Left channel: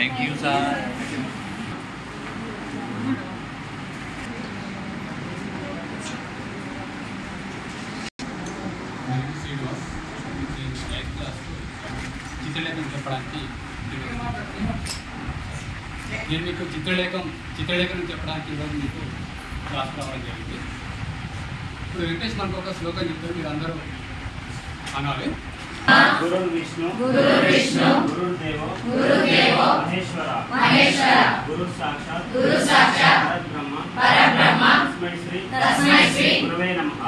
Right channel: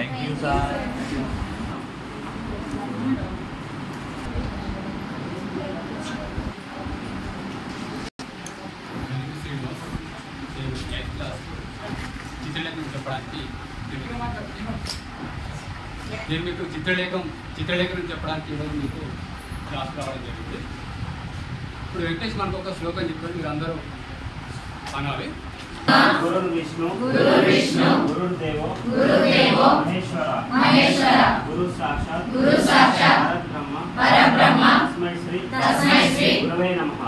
Thank you, sir. చిత్రలేఖం చెప్పడానికి నేను మీకు చిత్రలేఖనం చెప్పడానికి ఈరోజు మీకు క్లాస్ రావడం జరిగింది. ఇప్పుడు వెంకటేష్ మనకు ఒక శ్లోకం చెప్తారు, మీరు అందరూ అనాలి. గురు విష్ణు గురుదేవో మహేశ్వర గురు సాక్షాత్ పరబ్రహ్మ తస్మై శ్రీ గురువే నమః.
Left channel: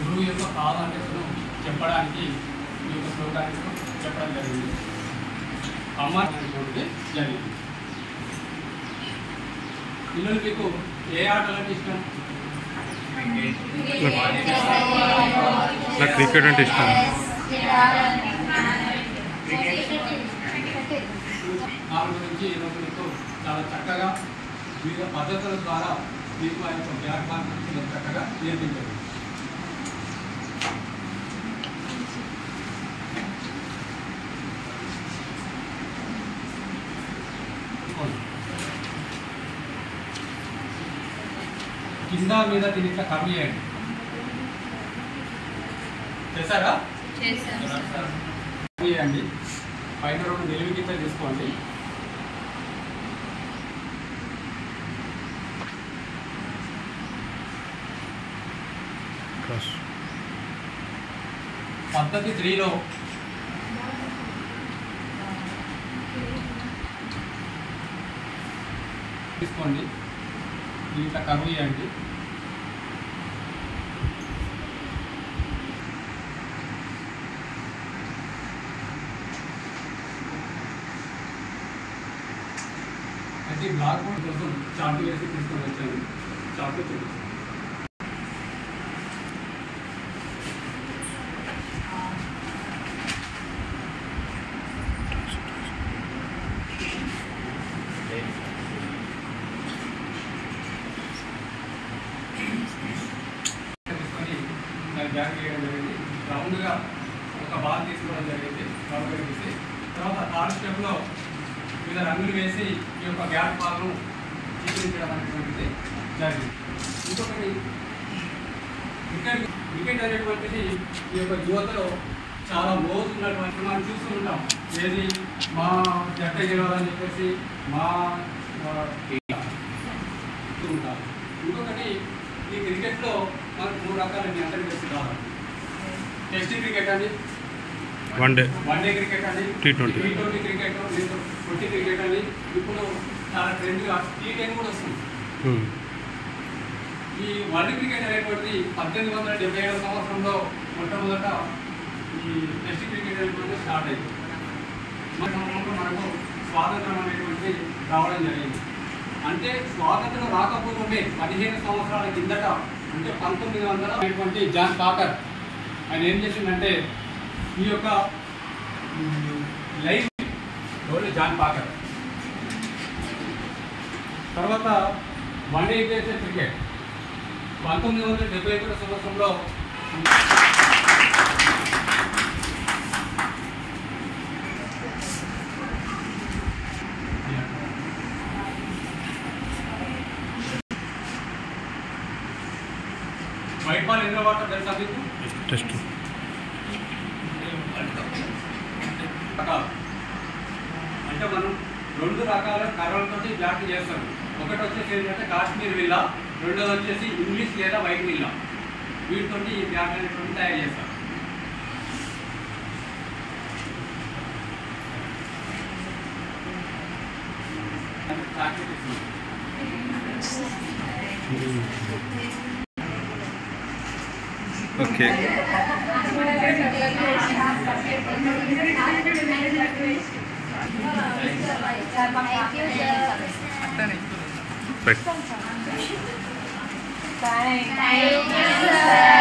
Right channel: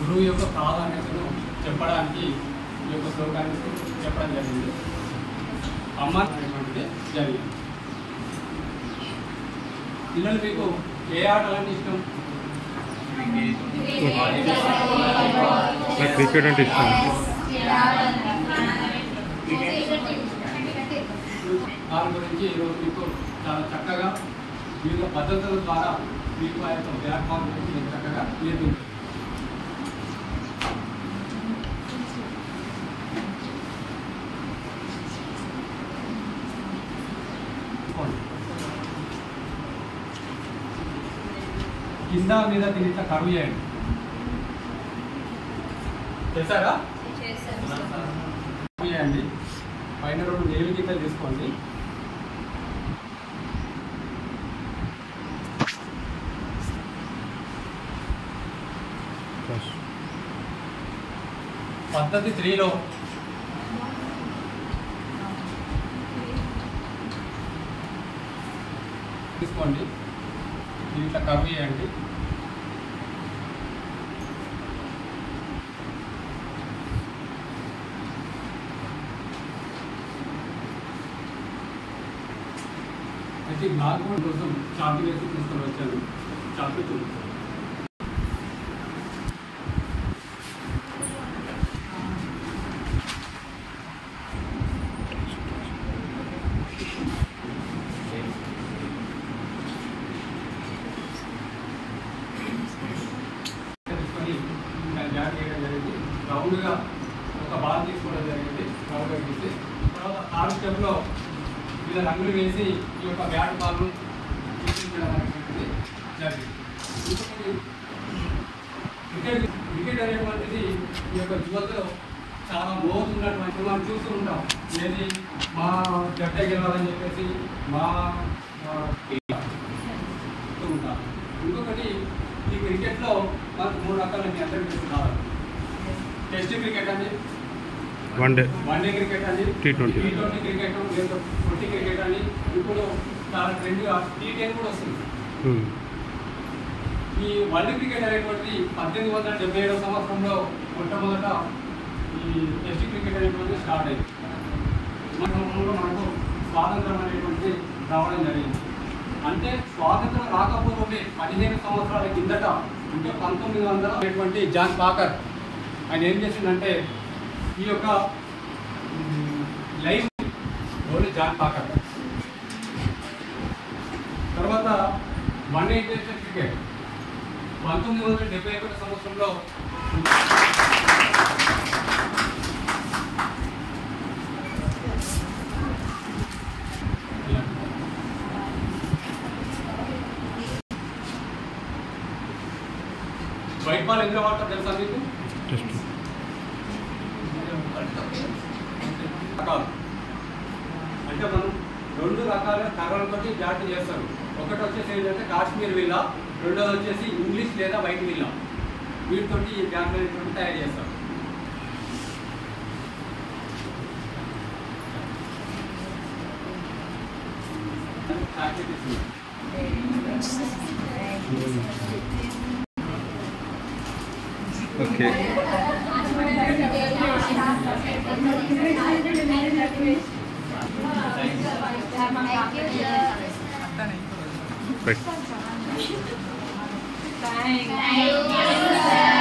గురువు యొక్క ప్రాధాన్యతను చెప్పడానికి ఈ యొక్క శ్లోకాన్ని చెప్పడం జరిగింది. అమ్మ అనేటువంటిది జరిగింది. పిల్లలు మీకు ఏ ఆటలంటే ఇష్టం? నాకు క్రికెట్ అంటే ఇష్టం. దాని గురించి ఈరోజు మీకు చాలా చక్కగా వివిధ పద్ధతుల ద్వారా మీకు ఆ యొక్క వ్యాపారం గురించి చక్కగా నేర్పించారు. కింద మీద దీని ఇట్లా కర్వ్ చేయండి. చేశారా? కర్వ్ చేయండి. పైన రెండు నిలువు గీతలు తీసుకోండి. పద్ధతి 3లో తీసుకోండి. దీన్ని ఇట్లా కర్వ్ చేయండి. అయితే బ్లాక్ బోర్డ్ కోసం చార్ట్ వేసి తీసుకొని వచ్చాను. చార్ట్ చూపిస్తాను. బ్యాగ్ వేయడం జరిగింది. రౌండ్గా ఒక బాల్ తీసుకోవడం జరిగింది. రౌండ్గా తీసి తర్వాత 6 స్టెప్లో వివిధ రంగులు వేసి ఈ యొక్క బ్యాట్ బాల్ను చిత్రించడం అనేటువంటిది జరిగింది. ఇంకొకటి క్రికెట్ అనేటువంటిది ఈ యొక్క యువతలో చాలా లోతు ఉన్నటువంటి మనం చూస్తూ ఉంటాం. ఏది మా జట్ట గెలవాలని చెప్పేసి మా ఉంటాం. ఇంకొకటి ఈ క్రికెట్లో మనకు 3 రకాలు మీ అందరికీ తెలిసి కాదు. టెస్ట్ క్రికెట్ అని, వన్డే క్రికెట్ అని, T20 క్రికెట్, లేదా 20 క్రికెట్ అని. ఇప్పుడు చాలా ట్రెండ్గా T10 కూడా వస్తుంది. ఈ వరల్డ్ క్రికెట్ అనేటువంటి 1877 సంవత్సరంలో మొట్టమొదట ఈ టెస్ట్ క్రికెట్ అనేటువంటి స్టార్ట్ అయింది. మన సంవత్సరంలో మనకు స్వాతంత్రం అనేటువంటి రావడం జరిగింది. అంటే స్వాతంత్రం రాకపోతే 15 సంవత్సరాల కిందట, అంటే 1900 అనేటువంటి జాన్ పాకర్ ఆయన ఏం చేసిందంటే ఈ యొక్క లైవ్ రోల్ జాన్ పాకర్ తర్వాత వన్డే ఇంటర్నేషనల్ క్రికెట్ 1971 సంవత్సరంలో వైట్ బాల్ ఎందులో వాడటం తెలుసా మీకు? టెస్ట్ అంటే మనం 2 రకాల కర్రలతో బ్యాట్ చేస్తాడు. ఒకటి వచ్చేసి ఏంటంటే కాశ్మీర్ విల్లా, రెండోది వచ్చేసి ఇంగ్లీష్ లేదా వైట్ విల్లా. వీటితో ఈ బ్యాట్ అనేటువంటి తయారు చేస్తారు. ఓకే. Thank you, sir.